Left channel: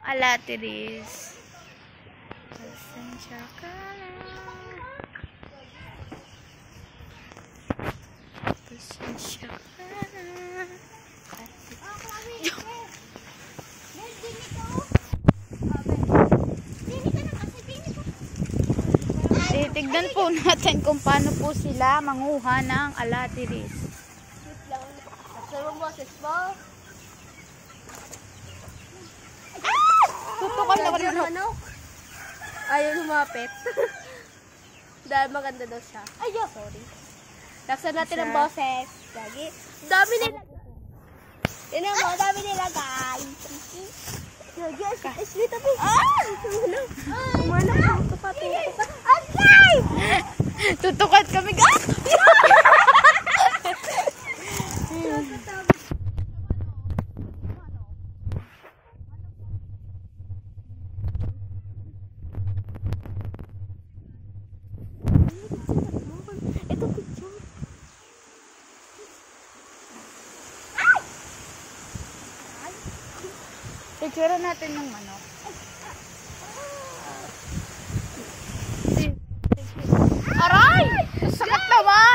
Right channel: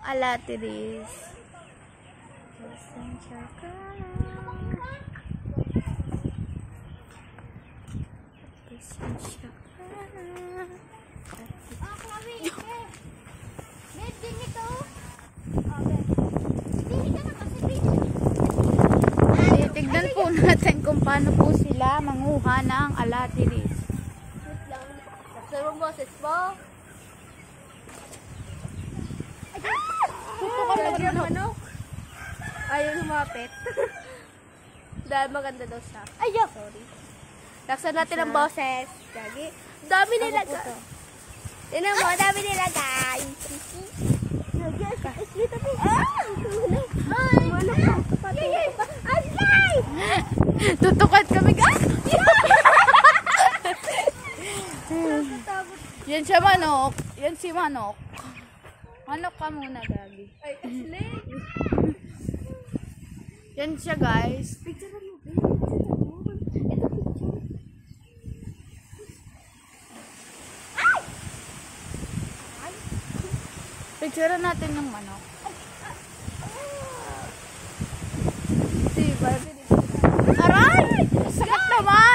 Alatiris. Pasensya ka na. Pasensya ka na. Tignan po natin kung paano po sila manguha ng alatiris. Nagsaroon boses mo. Tutukan na rin ano? Ayaw lumapit. Dahil maganda daw siya. Ay, sorry. Laksan natin ang boses. Gagi. Dami nila guys. Yun ang mga dami nila guys. Dito po. Umano po. Tutukan pa. Agay! Tutukan kami guys. Yan siya manok. Yan si manok. Manok ka muna, Gagi. Ay, Ashley. Yan siya, guys. Picture na lang. Ito, picture. Picture natin ng manok. Aray! Sakit naman!